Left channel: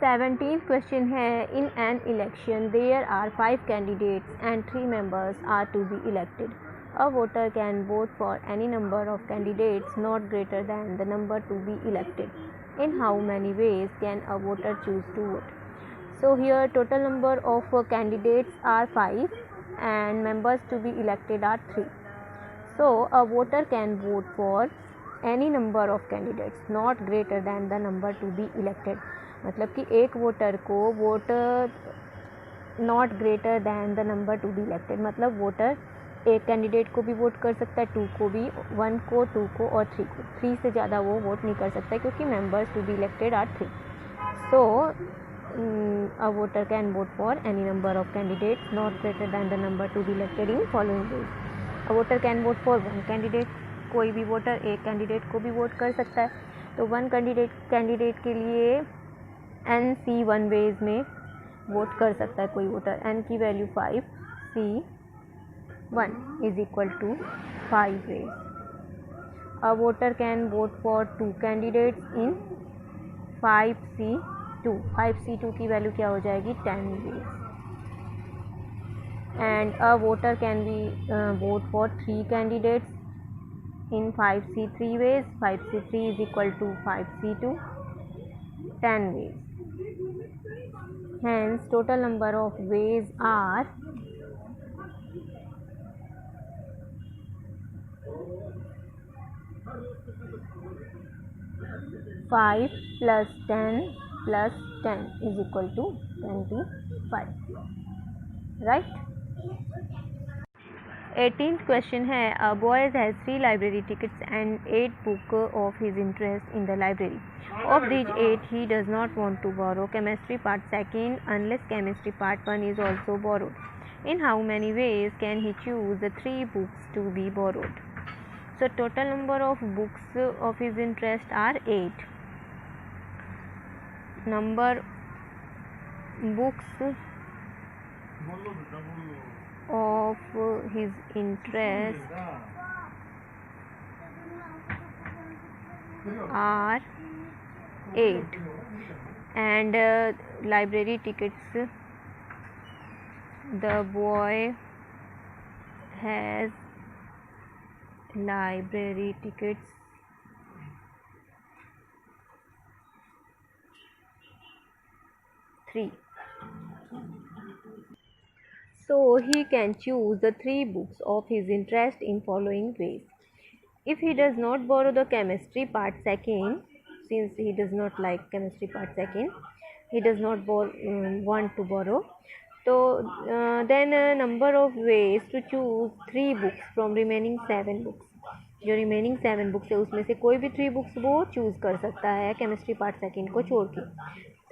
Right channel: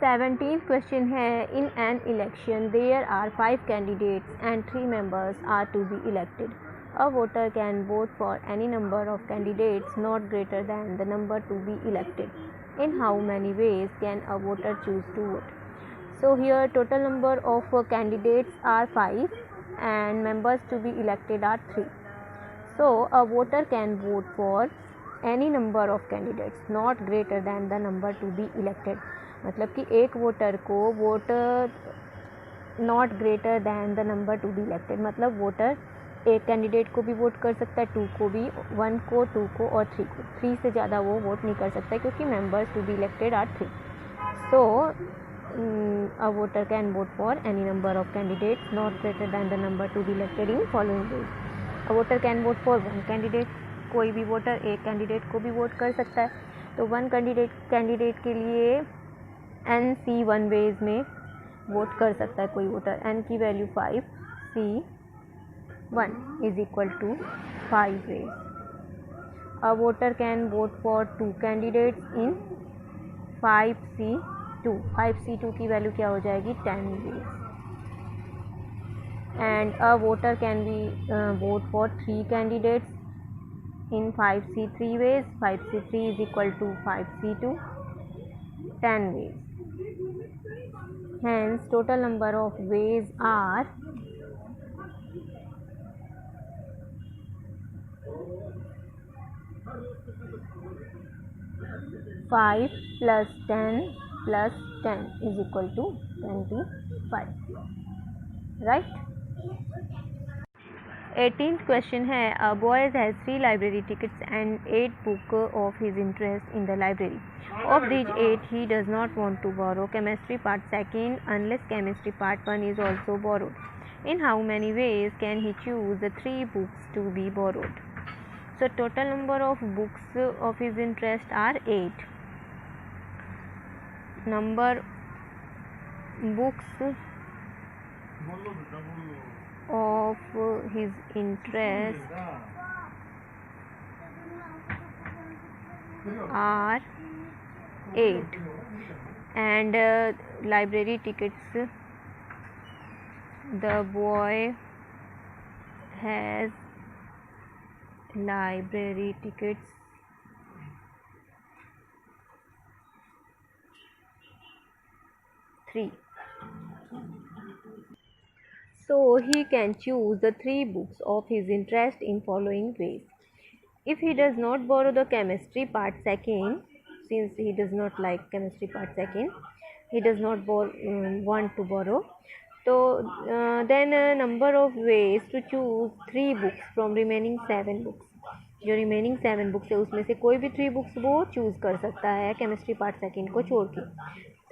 17th question है, in an election there are 5 candidates and 3 members are to be elected. A voter can vote for any number of candidates not greater than the number to be elected. In how many ways can a voter choose to vote? So here total number of candidates are 5 and members to be elected are 3. So a voter can vote for any number of candidates not greater than the number to be elected. मतलब कि एक voter को voter not greater than the number two be elected, मतलब voter एक candidate को भी vote कर सकता है, 2 को भी, 1 को, 2 को और 3 को. 3 से ज़्यादा वो वोट नहीं कर सकता क्योंकि members to be elected are 3. So a voter can vote for any number of candidates not greater than the number to be elected in following ways. A voter can vote for one candidate. कोई भी voter एक candidate को भी vote कर सकता है. तो one candidate के लिए NC1 वेज में वोट कर सकता है कोई वोटर. n की value 5, C1 is equal to 5 ways. A voter can vote for 2 candidates in 5C2. 5C2 की वैल्यू क्या हो जाएगी, 10 ways. And a voter can be vote for 3 candidates in 5C3 ways. 5C3 is equal to 5C2, 10 ways. Hence total number of ways are 5 plus 10 plus 10 is equal to 25. Right? 18th question है, a boy has 3 library tickets and 8 books of his interest in the library. Of these 8 he does not want to borrow chemistry part 2nd unless chemistry part 1 is also borrowed. In how many ways can he choose the 3 books to be borrowed? So total number of books of his interest are 8. Number books of his interest are 8 and library tickets, the boy has library tickets 3. So he can choose the 3 books of his interest in following ways. If he does not borrow the chemistry part 2nd, since he does not like chemistry part 2nd, he does not want to borrow, so then a number of ways to choose 3 books from remaining 7 books. जो remaining 7 books है उसमें से कोई भी 3 books वो choose कर सकता है केमिस्ट्री पार्ट 2nd को छोड़ के.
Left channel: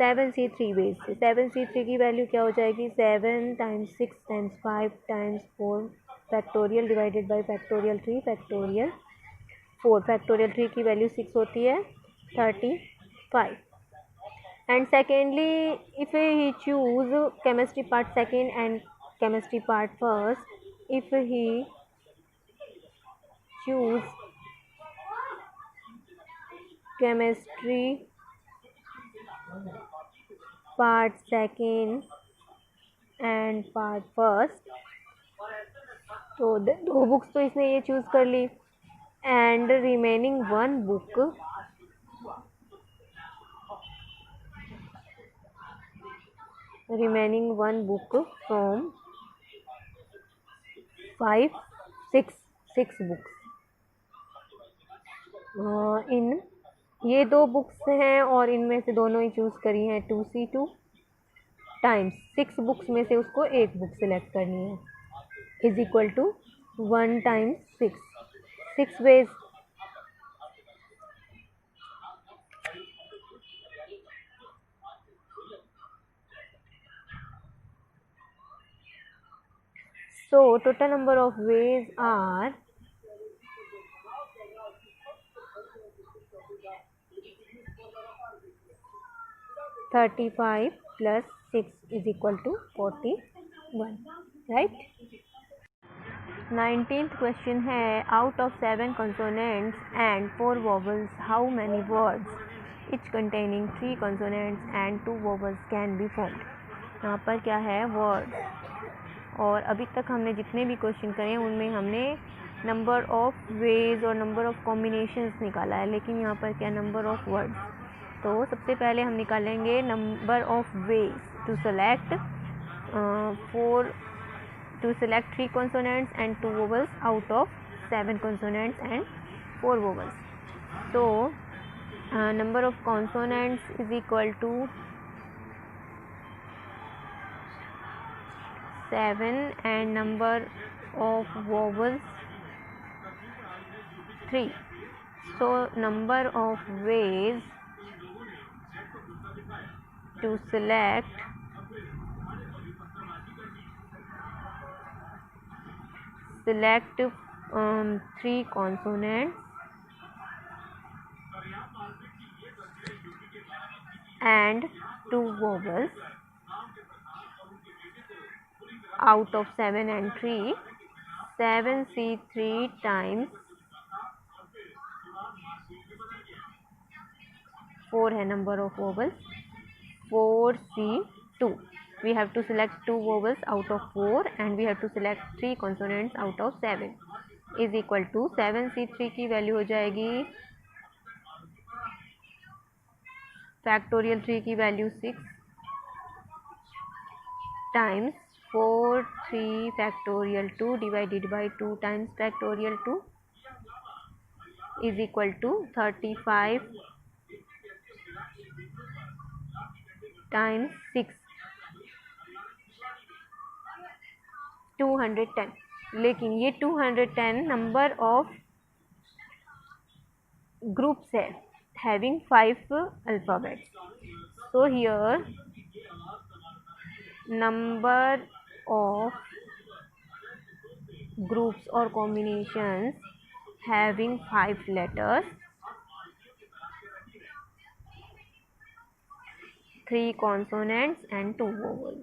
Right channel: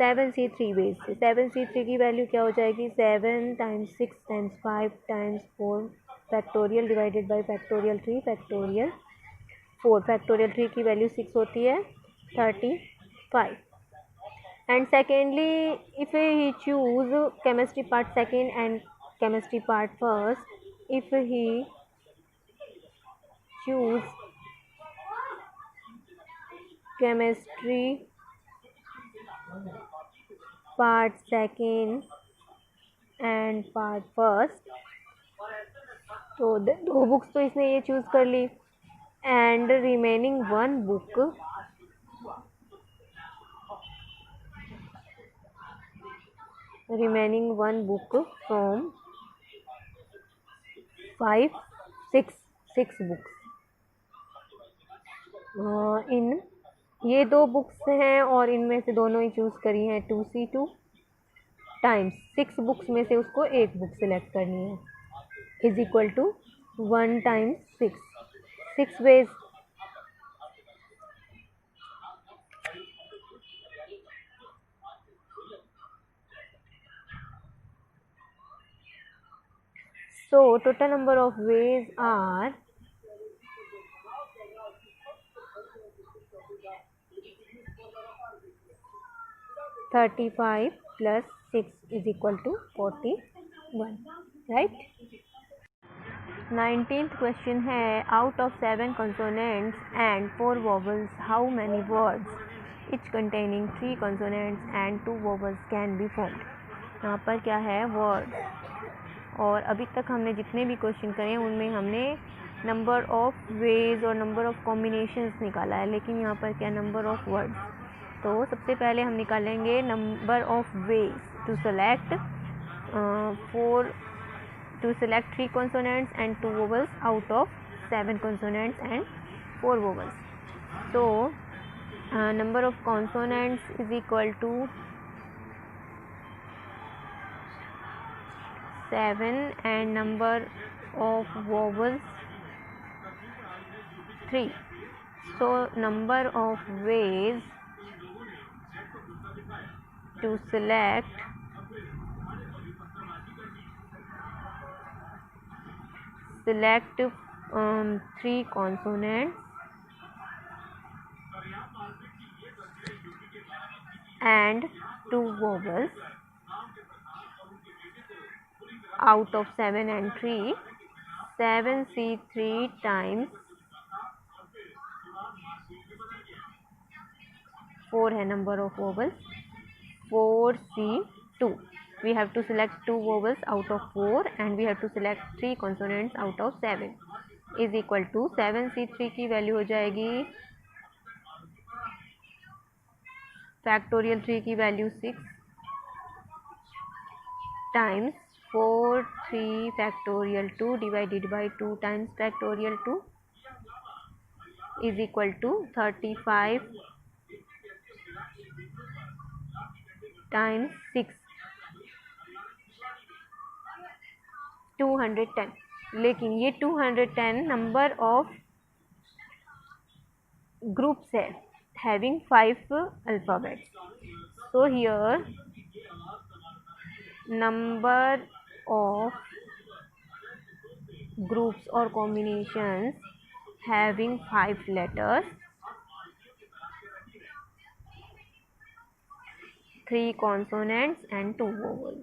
7C3 वेज से 7C3 की वैल्यू क्या हो जाएगी, 7 × 6 × 5 × 4 factorial divided by factorial 3 factorial 4. Factorial 3 की वैल्यू 6 होती है, 35. And secondly if he choose chemistry part 2nd and chemistry part 1st, if he choose chemistry part 2nd and part 1st, तो 2 books तो इसने ये चूज़ कर ली and remaining 1 book from 6 books. इन ये 2 बुक्स हैं और इनमें से दोनों ही चूज़ करी हैं 2C2 टाइम्स 6 बुक्स में से उसको 1 बुक सिलेक्ट करनी है, is equal to 1 × 6 ways. So total number of ways are 35 plus 6 is equal to 41. Right? 19th question है, out of 7 consonants and 4 vowels, how many words each containing 3 consonants and 2 vowels can be formed. यहाँ पर क्या है, word. और अभी तक हमने जितने भी क्वेश्चन करे उनमें हमने नंबर ऑफ वेज और नंबर ऑफ कॉम्बिनेशंस निकाला है, लेकिन यहाँ पर क्या, नंबर ऑफ वर्ड्स. तो सबसे पहले हम निकालेंगे number of ways to select 3 consonants and 2 vowels out of 7 consonants and 4 vowels. So number of consonants is equal to 7 and number of vowels 3. So number of ways to select select 3 consonants and 2 vowels out of 7 and 3. 7C3 times 4 है number of vowels, 4C2. We have to select 2 vowels out of 4 and we have to select 3 consonants out of 7 is equal to 7C3 की value हो जाएगी factorial 3 की value 6 times 4 factorial 2 divided by 2 times factorial 2 is equal to 35 times 6 210. लेकिन ये 210 number of groups है having 5 alphabets. So here number of groups or combinations having 5 letters, 3 consonants and 2 vowels.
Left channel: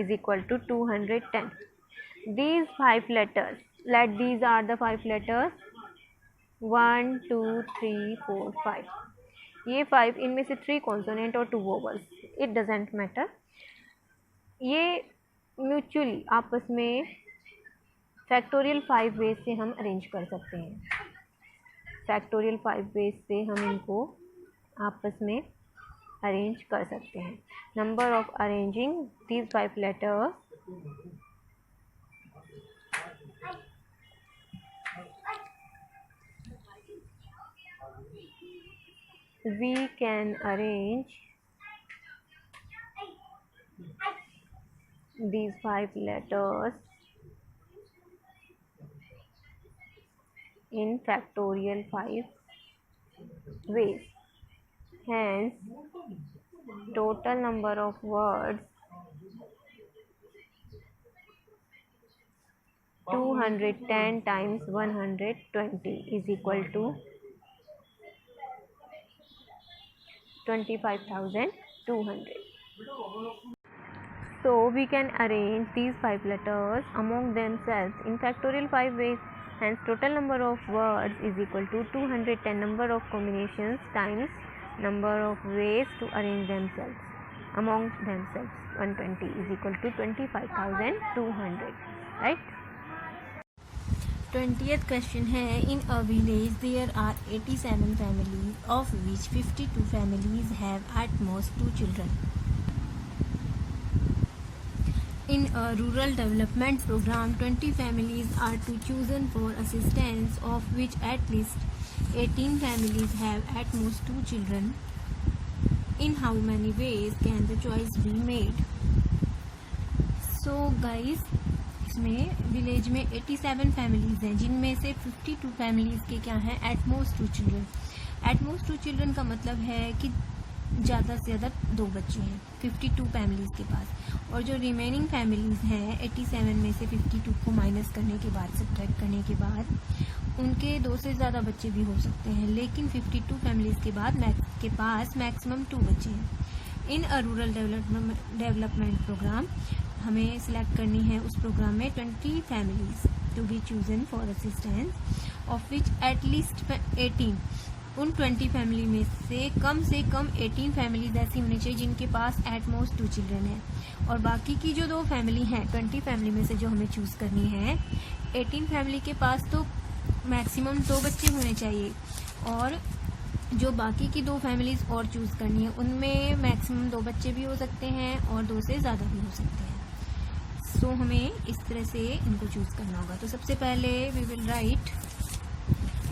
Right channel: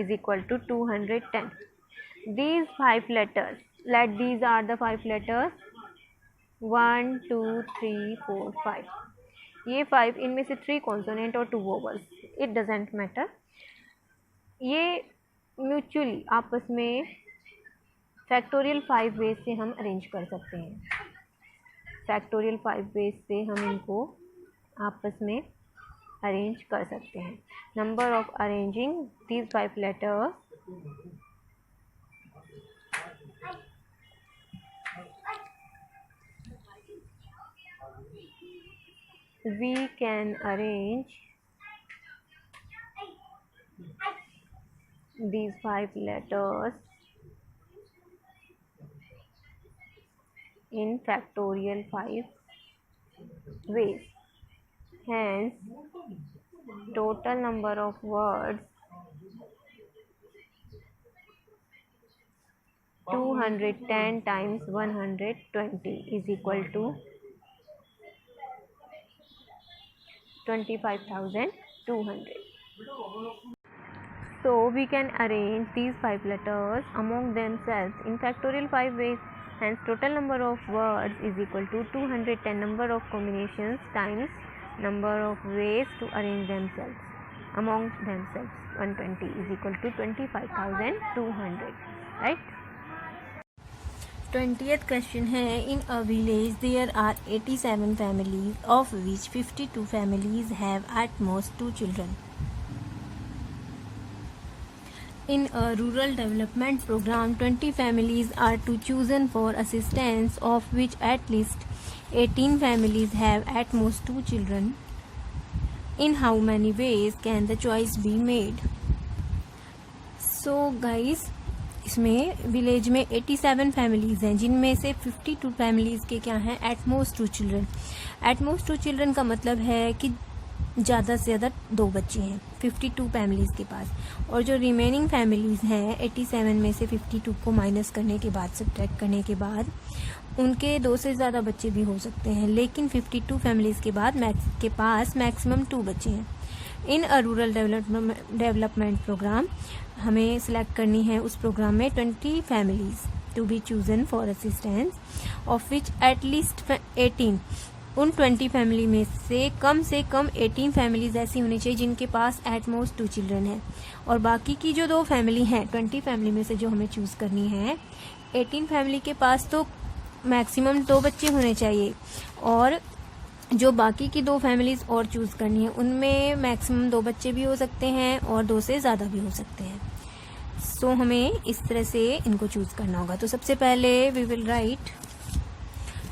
Is equal to 210. These 5 letters, let these are the 5 letters 1 2 3 4 5. ये 5, इनमें से 3 consonant और 2 vowels, it doesn't matter. ये mutually आपस में factorial 5 veg से हम arrange कर सकते हैं. फैक्टोरियल 5 वेज से हम इनको आपस में अरेंज कर सकते हैं. Number of arranging these 5 letters we can arrange these 5 letters in factorial 5 ways. Hence, total number of words 210 times 120 is equal to 25,200. So we can arrange these 5 letters among themselves in factorial 5 ways. Hence total number of words is equal to 210 number of combinations times number of ways to arrange themselves among themselves. 120 is equal to 25,200. Right? 20th question है, in a village there are 87 families of which 52 families have at most 2 children. In a rural development program 20 families are to chosen for assistance of which at least 18 families have at most 2 children. In how many ways can the choice be made? So guys, इसमें village में 87 families हैं जिनमें से 52 families के क्या हैं, eight most 2 children. Eight most 2 children का मतलब है कि ज़्यादा से ज़्यादा 2 बच्चे हैं 52 फैमिलीज़ के पास. और जो रिमेनिंग फैमिलीज़ हैं 87 में से 52 को माइनस करने के बाद, सब्ट्रैक्ट करने के बाद, उनके 2 से ज़्यादा बच्चे भी हो सकते हैं. लेकिन 52 फैमिलीज़ के बाद के पास मैक्सिमम 2 बच्चे हैं. इन अ रूरल डेवलपमेंट प्रोग्राम हमें सिलेक्ट करनी है उस प्रोग्राम में 20 families to be chosen for assistance, of which at least 18, उन 20 फैमिली में से कम 18 फैमिलीज ऐसी होनी चाहिए जिनके पास एट मोस्ट 2 चिल्ड्रन है, और बाकी की जो 2 फैमिली हैं 20 फैमिली में से जो हमें चूज़ करनी है, 18 फैमिली के पास तो मैक्सिमम 2 बच्चे होने चाहिए, और जो बाकी की 2 फैमिलीज और चूज़ करनी है उनमें मैक्सिमम 2 बच्चे भी हो सकते हैं और 2 से ज़्यादा भी हो सकते हैं। सो हमें इस तरह से इनको चूज़ करना होगा। तो सबसे पहले we will write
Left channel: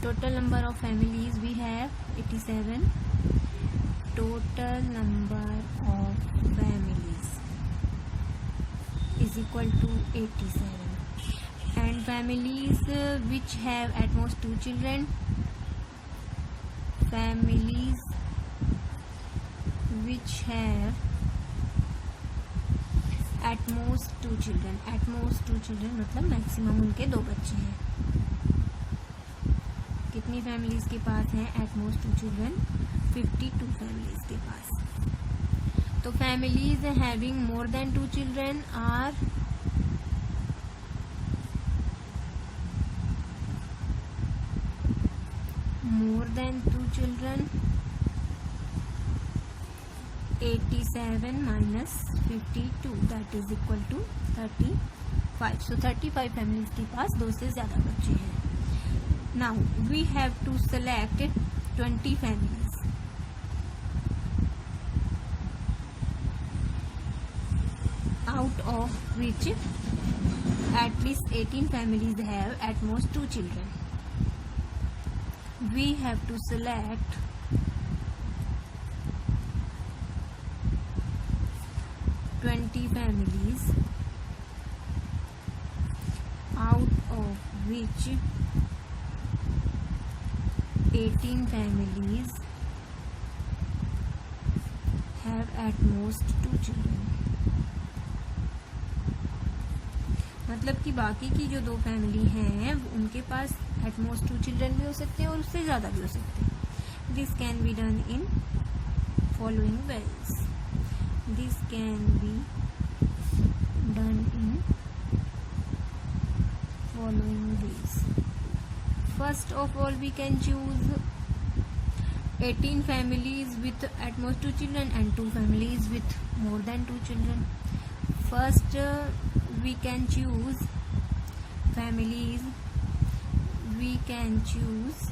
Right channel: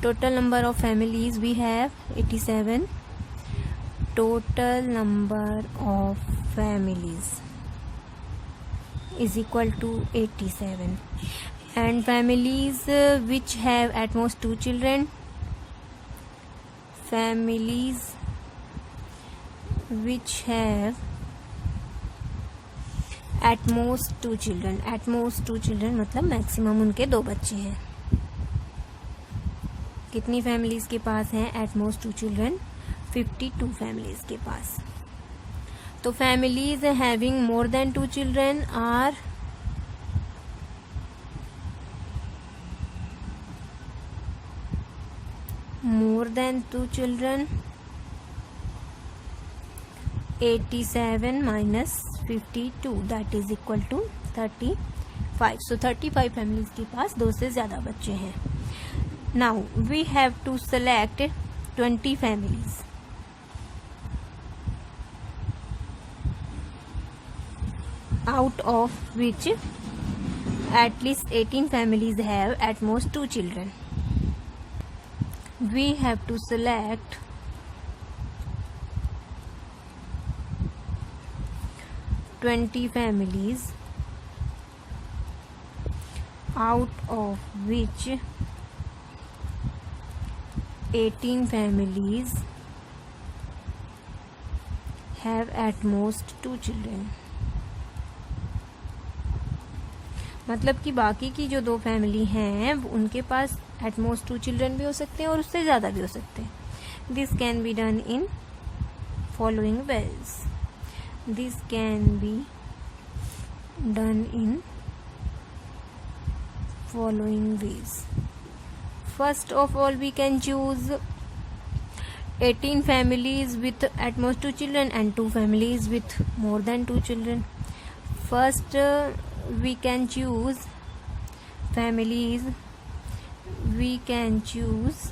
total number of families we have 87, total number of families is equal to 87, and families which have at most 2 children, families which have at most 2 children, at most 2 children मतलब maximum उनके 2 बच्चे हैं। कितनी families के पास हैं eight most 2 children? 52 families के पास। तो families having more than 2 children are more than 2 children, 87 minus 52 that is equal to 35. So 35 families के पास 2 से ज़्यादा बच्चे हैं। Now we have to select 20 families out of which at least 18 families have at most 2 children. We have to select 20 families out of which 18 families have at most 2 children. मतलब कि बाकी की जो 2 फैमिली हैं उनके पास एट मोस्ट 2 चिल्ड्रन भी हो सकते हैं और उससे ज़्यादा भी हो सकते हैं। This can be done in following ways, this can be done in following ways. First of all we can choose 18 families with at most 2 children and 2 families with more than 2 children. First we can choose families, we can choose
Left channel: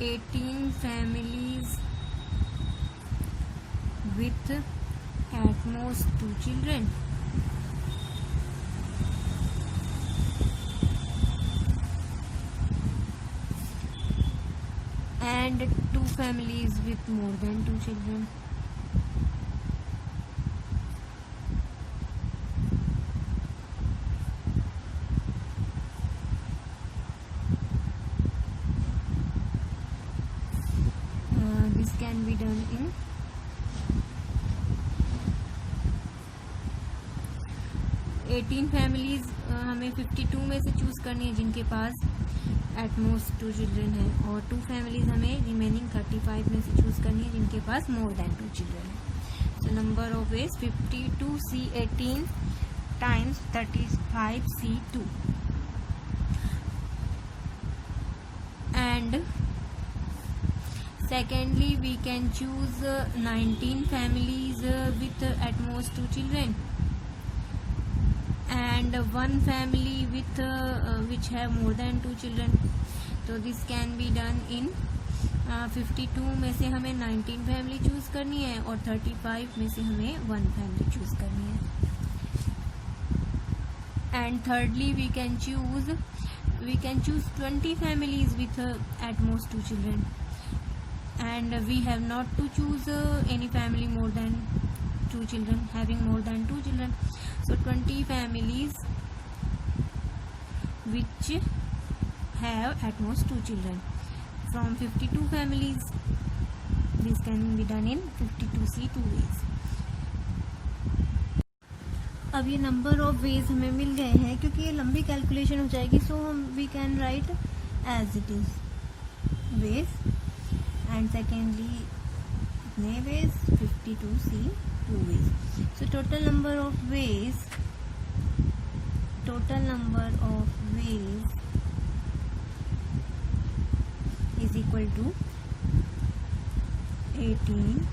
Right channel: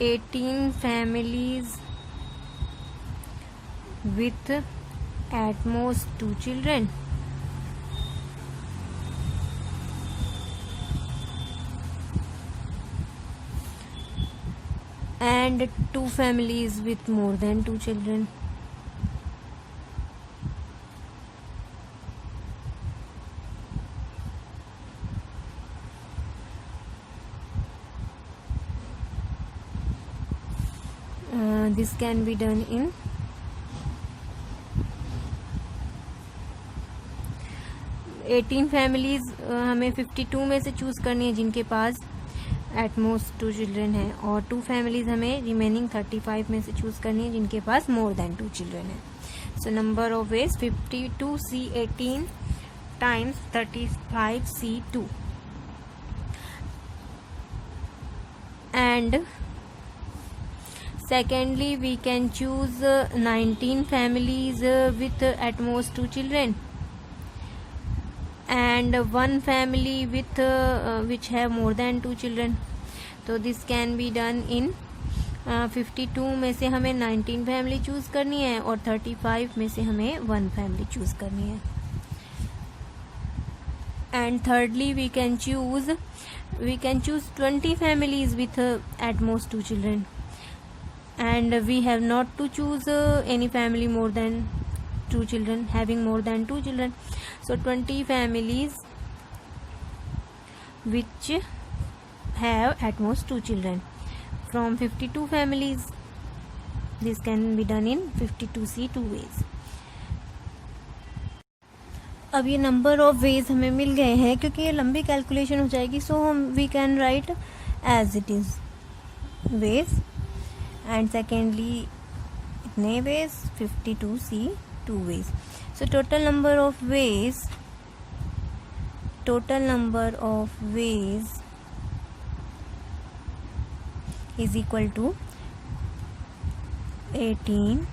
18 families with at most 2 children and 2 families with more than 2 children. This can be done in eighteen families हमें 52 में से choose करनी है जिनके पास eight most 2 children है, और 2 families हमें remaining 35 में से चूज़ करनी है जिनके पास मोर देन 2 चिल्ड्रन है। सो number of veg 52C 18 times 35C 2 and secondly we can choose 19 families with at most 2 children and 1 family with which have more than 2 children. तो this can be done in 52 में से हमें 19 family choose करनी है और 35 में से हमें 1 फैमिली चूज़ करनी है। And thirdly we can choose 20 families with at most 2 children and we have not to choose any family more than 2 children having more than 2 children. So 20 families which have at most 2 children from 52 families. This can be done in 52C 2 ways. अब ये number of veg हमें मिल गए हैं क्योंकि ये लंबी calculation हो जाएगी, सो हम we can write as it is ways and secondly इतने ways 52C 2 ways. So total number of ways is equal to 18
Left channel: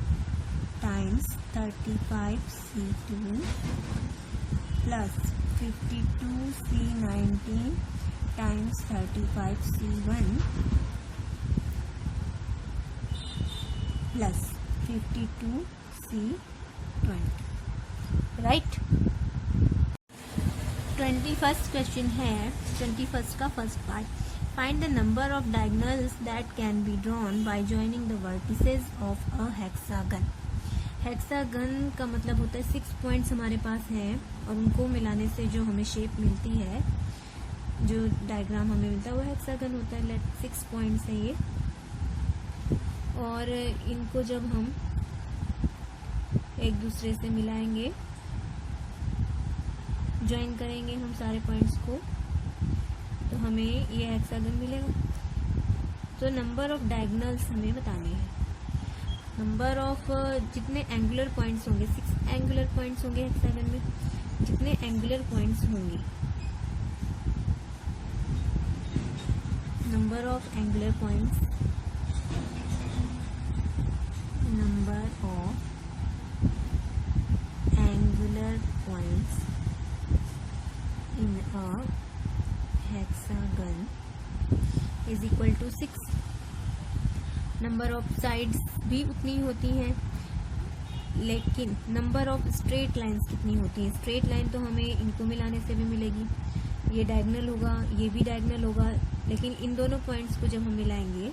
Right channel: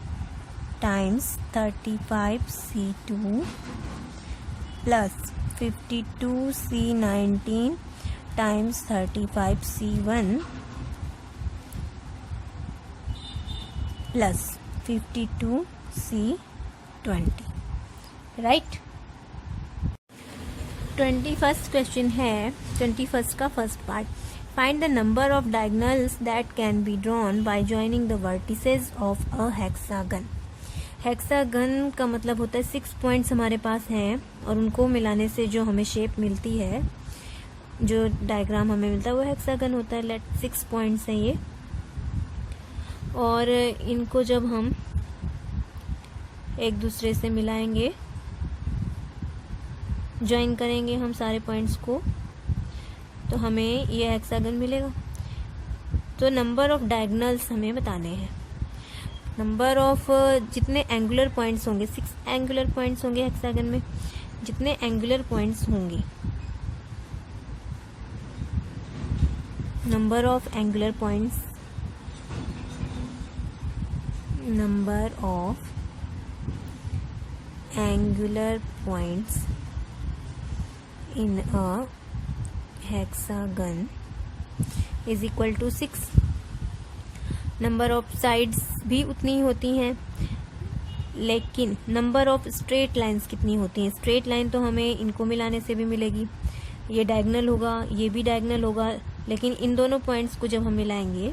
times 35C2 plus 52C19 times 35C1 plus 52C20. Right. 21st question है, 21st का first part. Find the number of diagonals that can be drawn by joining the vertices of a hexagon. Hexagon का मतलब होता है 6 points हमारे पास हैं और उनको मिलाने से जो हमें शेप मिलती है, जो डायग्राम हमें मिलता है वो हेक्सागन होता है. 6 पॉइंट्स हैं ये, और इनको जब हम एक दूसरे से मिलाएंगे, ज्वाइन करेंगे हम सारे पॉइंट्स को, तो हमें ये हेक्सागन मिलेगा. तो नंबर ऑफ डायगोनल्स हमें बताने हैं. नंबर ऑफ जितने एंगुलर पॉइंट्स होंगे, 6 एंगुलर पॉइंट्स होंगे हेक्सागन में. जितने एंगुलर पॉइंट्स होंगे, number of angular points in a hexagon is equal to 6. Number of sides भी उतनी ही होती हैं, लेकिन नंबर ऑफ स्ट्रेट लाइंस कितनी होती हैं. स्ट्रेट लाइन तो हमें इनको मिलाने से भी मिलेगी. ये डायगोनल होगा, ये भी डायगोनल होगा, लेकिन इन दोनों पॉइंट्स को जब हम मिलाएंगे,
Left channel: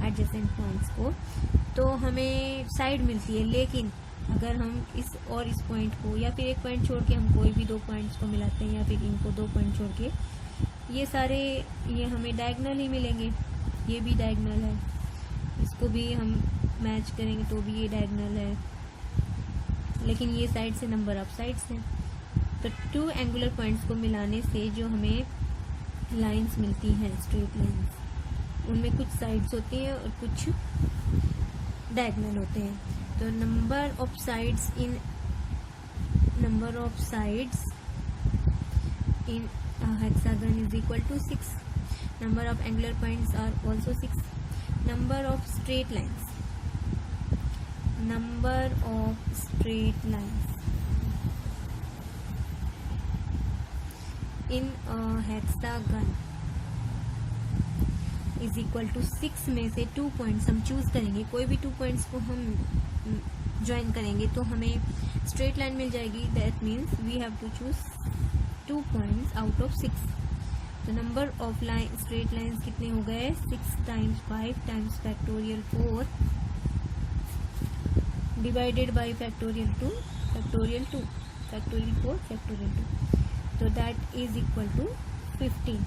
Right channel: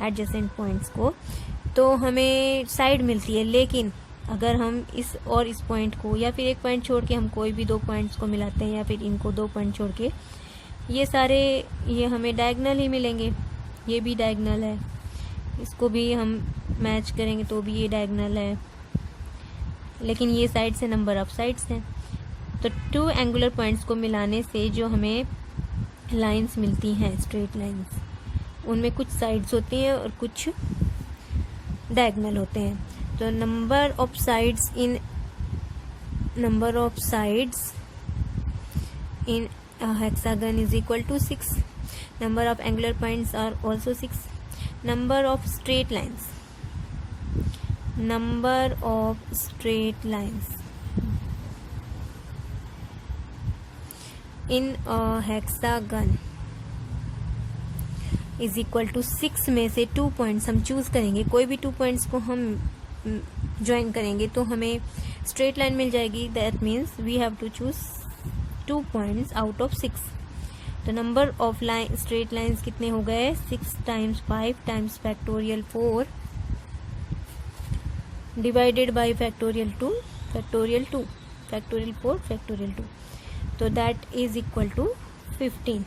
एडजेसेंट पॉइंट्स को, तो हमें साइड मिलती है. लेकिन अगर हम इस और इस पॉइंट को, या फिर एक पॉइंट छोड़ के हम कोई भी 2 पॉइंट्स को मिलाते हैं, या फिर इनको 2 पॉइंट छोड़ के, ये सारे ये हमें डायगोनल ही मिलेंगे. ये भी डायगोनल है, इसको भी हम मैच करेंगे तो भी ये डायगोनल है, लेकिन ये साइड से नंबर ऑफ साइड्स हैं. तो 2 एंगुलर पॉइंट्स को मिलाने से जो हमें लाइंस मिलती हैं, स्ट्रेट लाइंस, उनमें कुछ साइड्स होती हैं और कुछ डायगोनल होते हैं. तो number of sides in a hexagon is equal to 6. Number of angular points are also 6. Number of straight lines in a hexagon is equal to 6 में से 2 पॉइंट्स हम चूज करेंगे. कोई भी 2 पॉइंट्स को हम ज्वाइन करेंगे तो हमें स्ट्रेट लाइन मिल जाएगी. That means we have to choose 2 points out of 6. तो नंबर ऑफ स्ट्रेट लाइंस कितने हो गए? 6 times 5 times factorial 4 divided by factorial 2 factorial 2 factorial 4 factorial 2. तो that is equal to 15,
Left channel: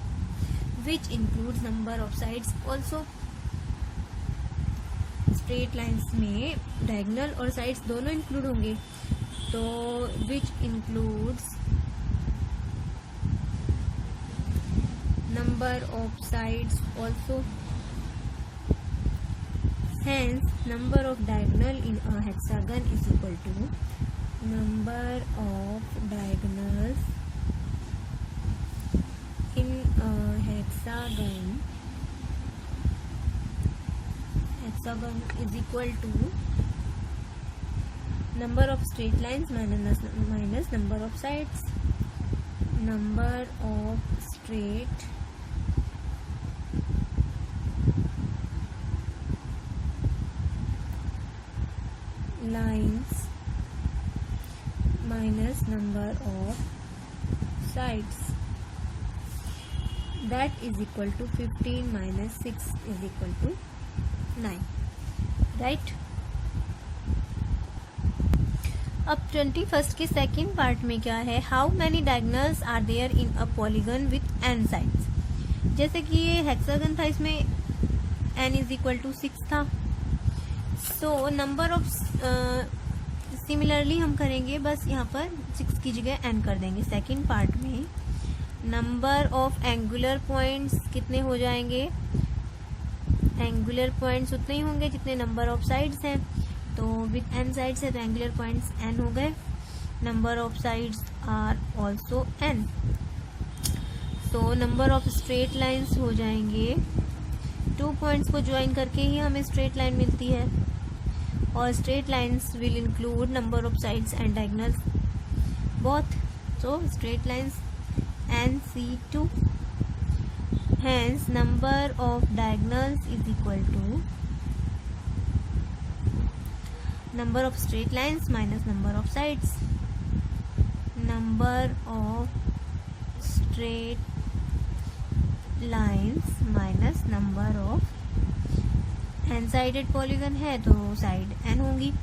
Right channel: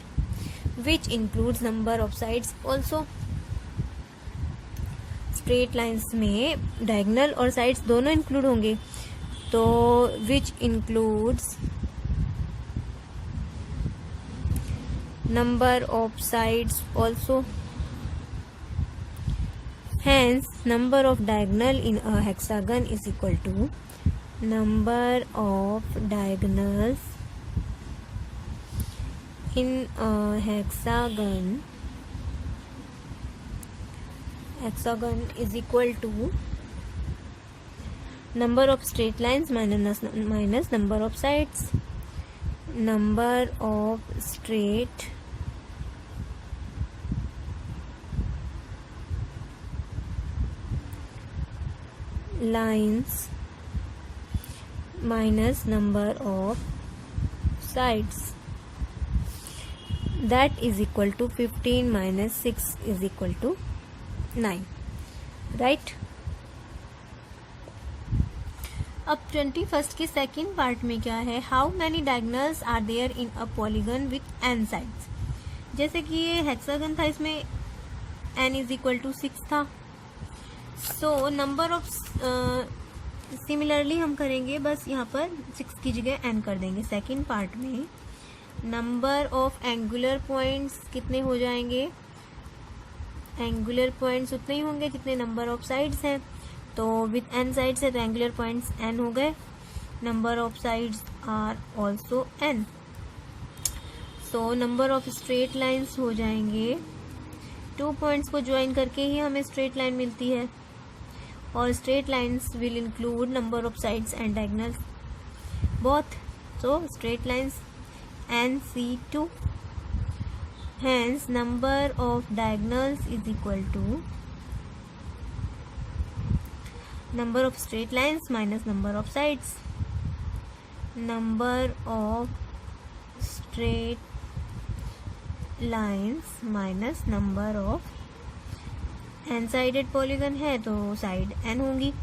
which includes number of sides also. Straight lines में diagonal और sides दोनों include होंगे, तो which includes number of sides also. Hence number of diagonal in a hexagon is equal to number of diagonals in a hexagon is equal to number of straight lines minus number of sides. Number of straight lines minus number of sides. That is equal to 15 minus 6 is equal to 9. Right? अब 21st के second part में क्या है? How many diagonals are there in a polygon with n sides. जैसे कि ये hexagon था, इसमें n इज इक्वल टू 6 था. सो नंबर ऑफ सिमिलरली हम करेंगे, बस यहाँ पर 6 की जगह n कर देंगे. सेकेंड पार्ट में नंबर ऑफ एंगुलर पॉइंट्स कितने हो जाएंगे? एंगुलर पॉइंट्स उतने ही होंगे जितने नंबर ऑफ साइड्स हैं. तो विथ n साइड्स है तो एंगुलर पॉइंट्स n हो गए, number of sides are also n। So number of straight lines हो जाएंगे, 2 पॉइंट्स को ज्वाइन करके ही हमें स्ट्रेट लाइन मिलती है, और straight lines will include number of sides and diagonals both. So straight lines NC2, hence number of diagonals is equal to number of straight lines minus number of sides. Number of straight lines minus number of n sided polygon है तो side n होंगी,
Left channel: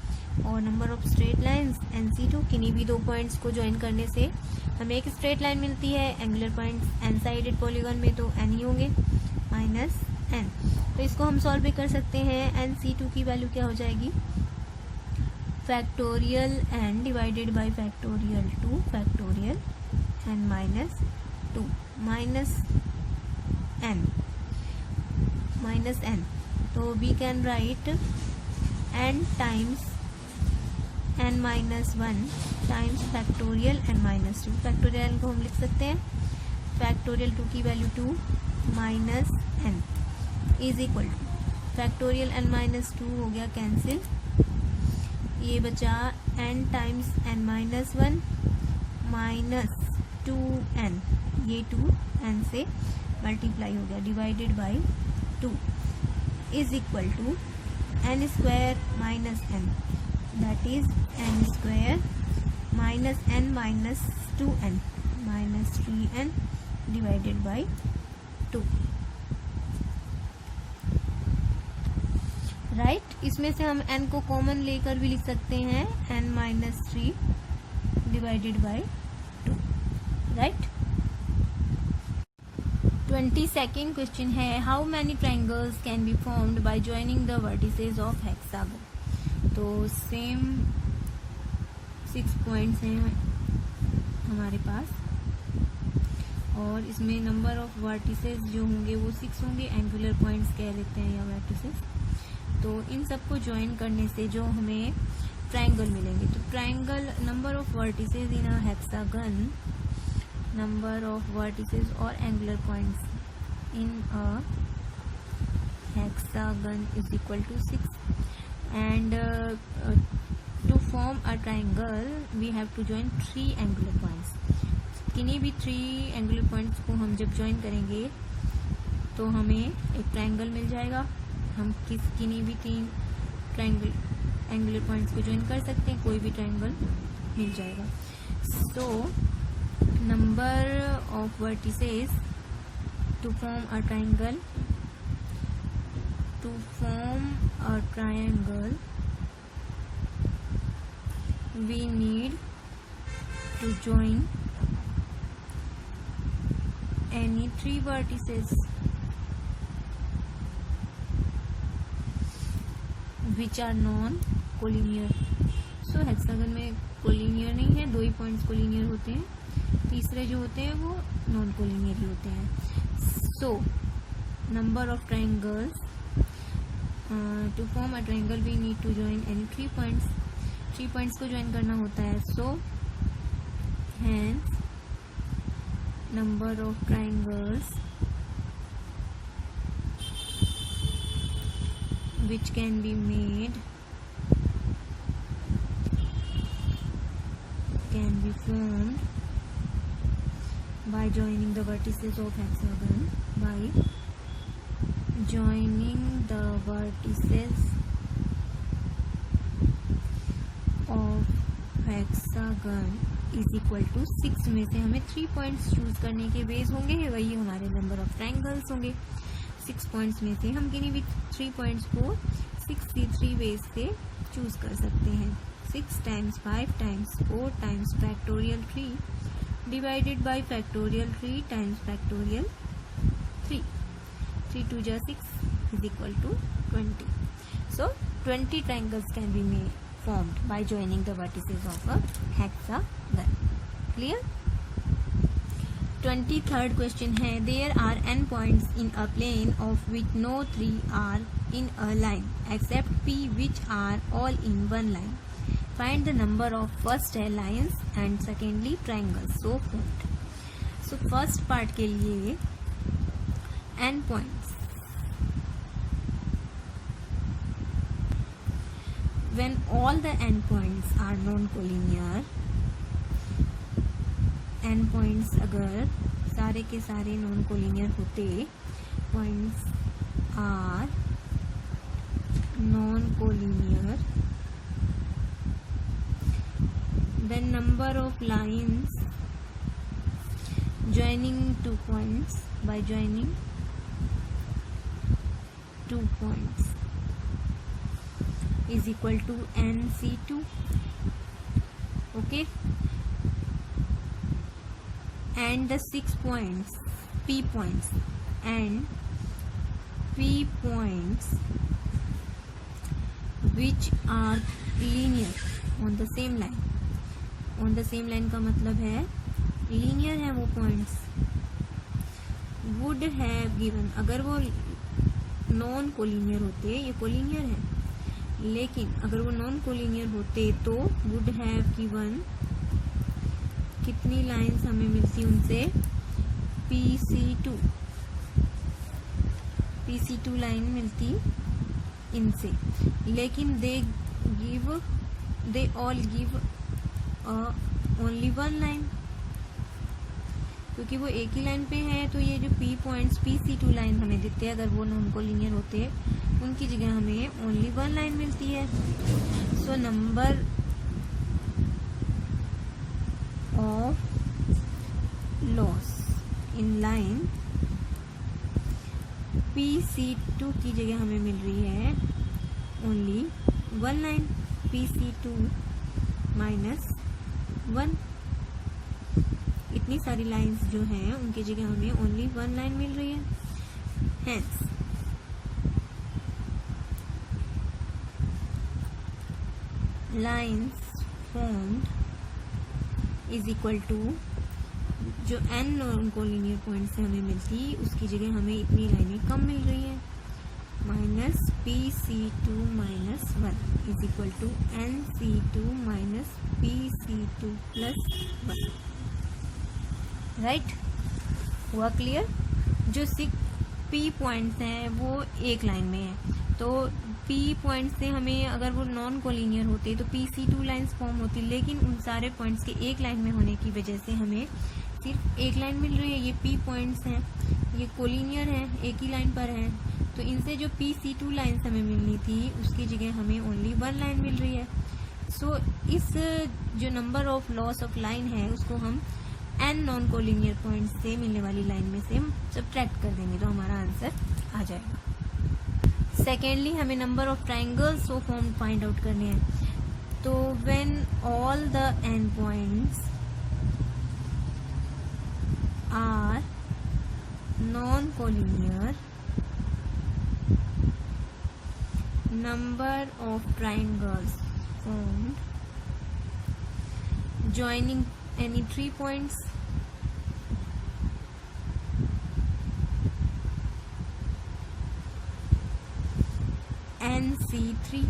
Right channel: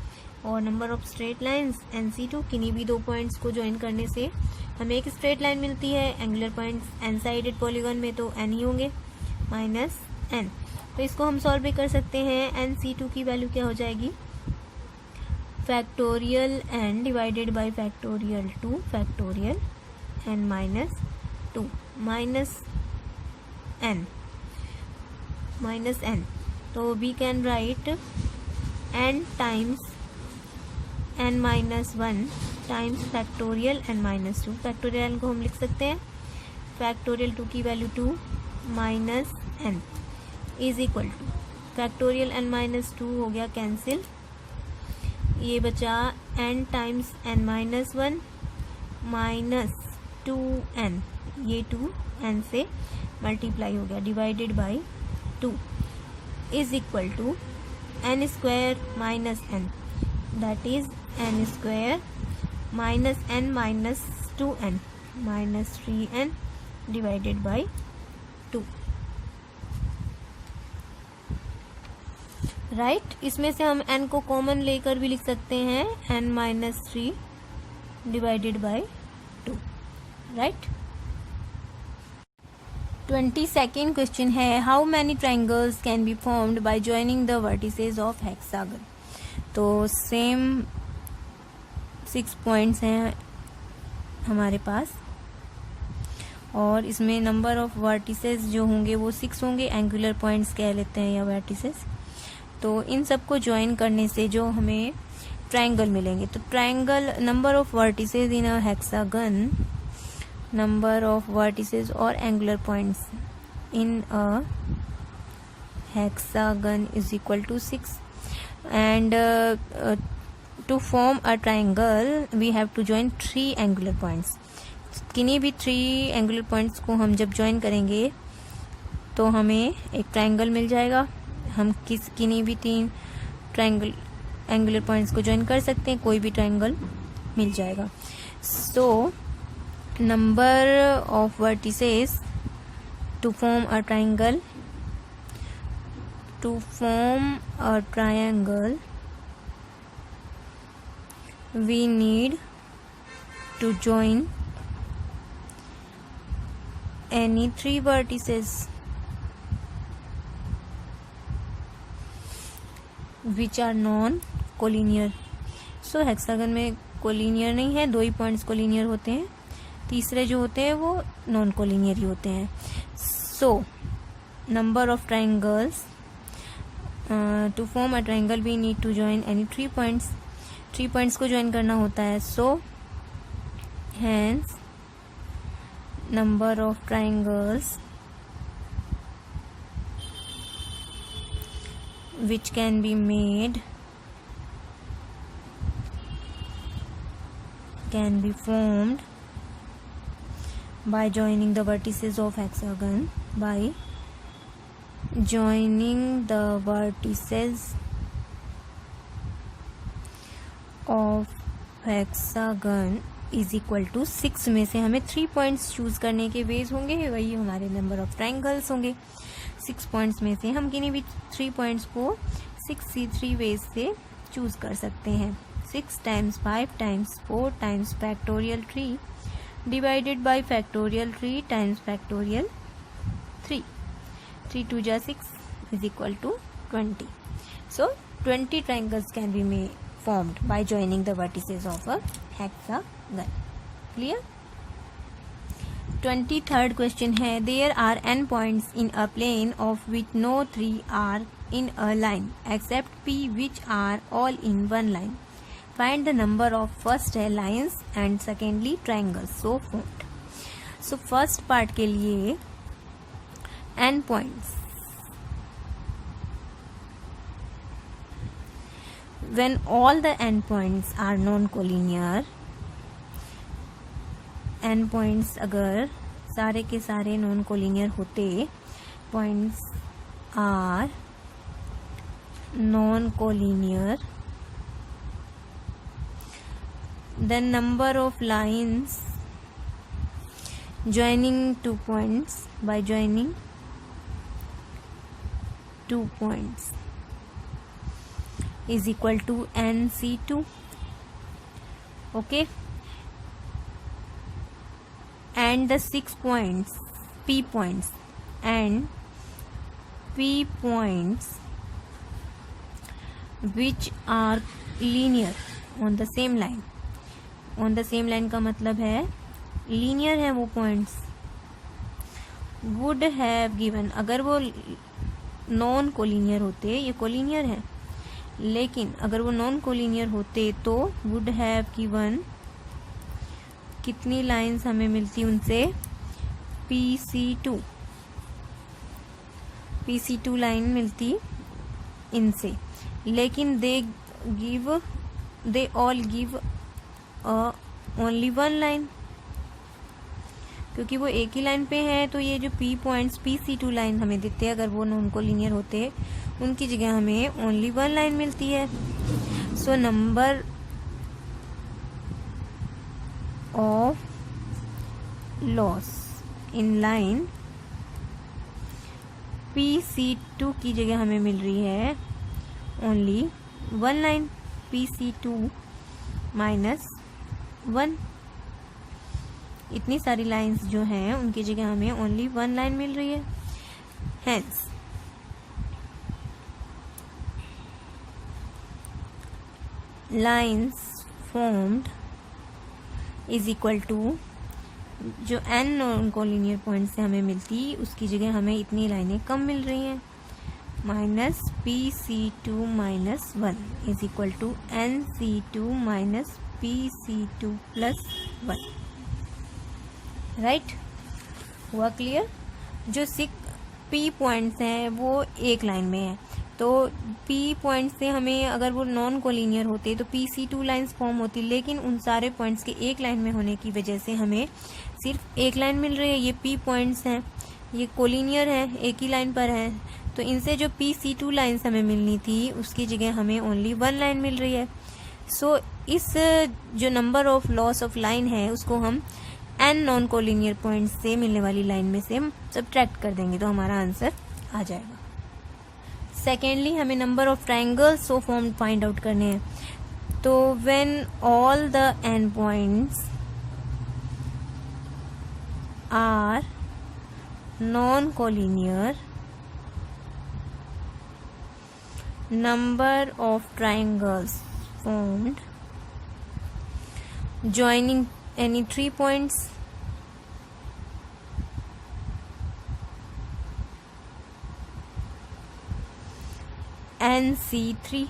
और number of straight lines NC2, किन्हीं भी 2 points को join करने से हमें एक स्ट्रेट लाइन मिलती है, angular points n sided polygon में तो n ही होंगे माइनस n। तो इसको हम सॉल्व भी कर सकते हैं। NC2 की वैल्यू क्या हो जाएगी, factorial n divided by factorial 2 factorial n minus 2 minus n। तो we can write n times n minus 1 times factorial n minus 2। Factorial को हम लिख सकते हैं, फैक्टोरियल 2 की value 2 minus n is equal to factorial n minus 2 हो गया cancel, ये बचा n times n minus 1 minus 2n, ये 2n से मल्टीप्लाई हो गया divided by 2 is equal to n square minus n, that is n square minus n minus 2n minus 3n divided by 2, right. इसमें से हम n को common लेकर भी लिख सकते हैं, n minus 3 divided by 2, right. 22nd question है, how many triangles can be formed by joining the vertices of hexagon. तो सेम 6 पॉइंट्स हैं हमारे पास, और इसमें नंबर ऑफ वर्टिसेस जो होंगे वो 6 होंगे, एंगुलर पॉइंट्स कह लेते हैं या वर्टिसेस। तो इन सबको ज्वाइन करने से जो हमें ट्रायंगल मिलेंगे, तो triangle number of vertices in a hexagon, number of vertices और angular points in a hexagon is equal to 6, and to form a triangle we have to join 3 angular points। किन्हीं भी 3 angular points को हम जब join करेंगे तो हमें एक triangle मिल जाएगा। हम किन्हीं भी 3 triangle angular points को join कर सकते हैं, कोई भी triangle मिल जाएगा। so number of vertices to form a triangle, to form a triangle we need to join any 3 vertices which are non-collinear। so hexagon में कोलिनियर नहीं है, 2 ही पॉइंट्स कोलिनियर होते हैं, तीसरे जो होते हैं वो नॉन कोलिनियर ही होते हैं। so number of triangles to form a triangle we need to join any 3 points, 3 points को join करना होता है। so hence number of triangles which can be made, can be formed by joining the vertices of hexagon, by joining the vertices of hexagon is equal to 6 में से हमें 3 points choose करने के base होंगे, वही हमारे नंबर ऑफ ट्रायंगल्स होंगे। 6 points में से हम किन्हीं भी 3 पॉइंट्स को 6 वेज से चूज कर सकते हैं। 6 times 5 times 4 times factorial 3 divided by factorial 3 times factorial 3, 3 2 जा 6 is equal to 20। so 20 triangles can be formed by joining the vertices of a hexagon। clear? 23rd question है, there are n points in a plane of which no 3 are in a line except p which are all in one line. Find the number of first है lines and secondly triangles so formed. So first part के लिए n points. When all the n points are non-collinear, n points अगर सारे के सारे non collinear होते, points are non collinear, then number of lines joining 2 points by joining 2 points is equal to nc2. Okay, and the 6 points p points and p points which are linear on the same line. on the same line का मतलब है linear है वो points. would have given, अगर वो non collinear होते, ये collinear है लेकिन अगर वो नॉन कोलिनियर होते तो वुड हैव गिवन कितनी लाइंस हमें मिलती उनसे, PC2 लाइन मिलती इनसे. लेकिन they all give only one line, क्योंकि वो एक ही लाइन पे है. तो ये जो p पॉइंट्स PC2 लाइन हमें दिखते हैं, अगर वो नॉन कोलिनियर होते उनकी जगह हमें ओनली वन लाइन मिलती है. सो number of loss in line PC2 की जगह हमें मिल रही है ओनली वन लाइन, PC2 माइनस 1. इतनी सारी लाइंस जो हैं उनकी जगह हमें ओनली वन लाइन मिल रही है. Hence lines formed is equal to जो n नॉन कोलिनियर पॉइंट से हमें मिलती उसकी जगह हमें इतनी लाइनें कम मिल रही हैं, माइनस PC2 माइनस 1 is equal to NC2 minus PC2 plus 1. Right, हुआ क्लियर. जो 6 P पॉइंट्स हैं वो एक लाइन में है, तो P पॉइंट से हमें अगर वो नॉन कोलिनियर होते तो PC2 लाइंस फॉर्म होती, लेकिन उन सारे पॉइंट्स के एक लाइन में होने की वजह से हमें सिर्फ एक लाइन मिल रही है. ये P पॉइंट्स हैं, ये कोलिनियर है, एक ही लाइन पर है, तो इनसे जो PC2 लाइंस हमें मिलनी थी उसकी जगह हमें ओनली वन लाइन मिल रही है. सो इस जो number of loss of line है उसको हम n नॉन कोलिनियर पॉइंट्स से मिलने वाली लाइन में से सब्ट्रैक्ट कर देंगे तो हमारा आंसर आ जाएगा. सेकेंडली हमें number of triangles so form find out करने हैं. तो when all the n points are non collinear, number of triangles formed joining any 3 points NC3.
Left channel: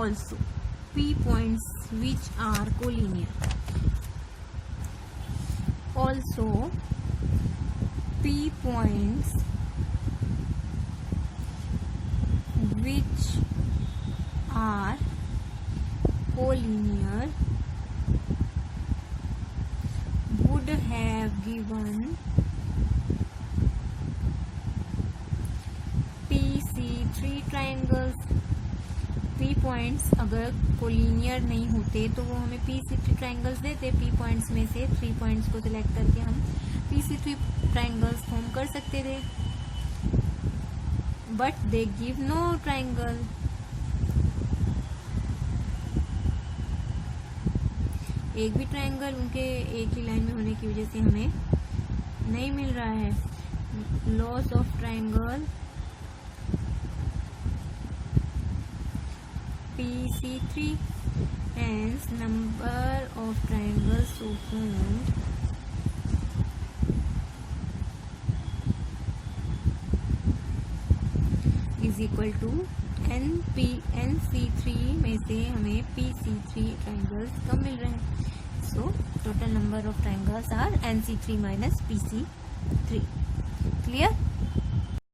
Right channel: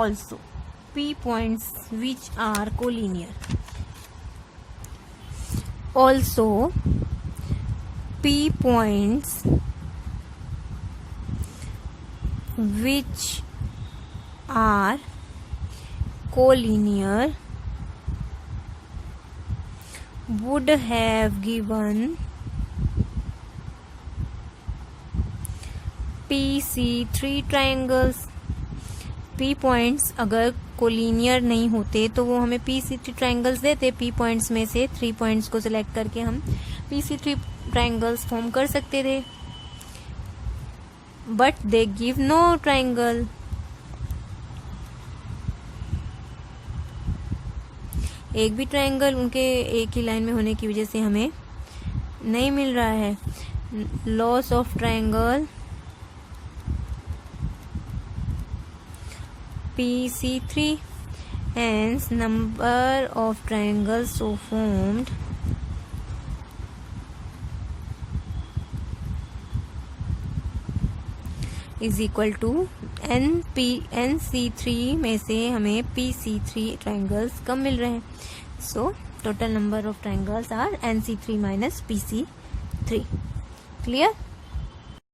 Also P points which are collinear. Also P points which are collinear would have given PC3 triangles. P points अगर collinear नहीं होते तो वो हमें PC3 triangles देते. P points में से 3 points को सिलेक्ट करके हम PC3 ट्राइंगल्स फॉर्म कर सकते थे, but they give no triangle. एक भी ट्राइंगल उनके एक ही लाइन में होने की वजह से हमें नहीं मिल रहा है. Loss of triangle PC3, hence number of triangles so formed is equal to NC3 में से हमें PC3 ट्राइंगल्स कम मिल रहे हैं. So total number of triangles are NC3 minus PC3. Clear?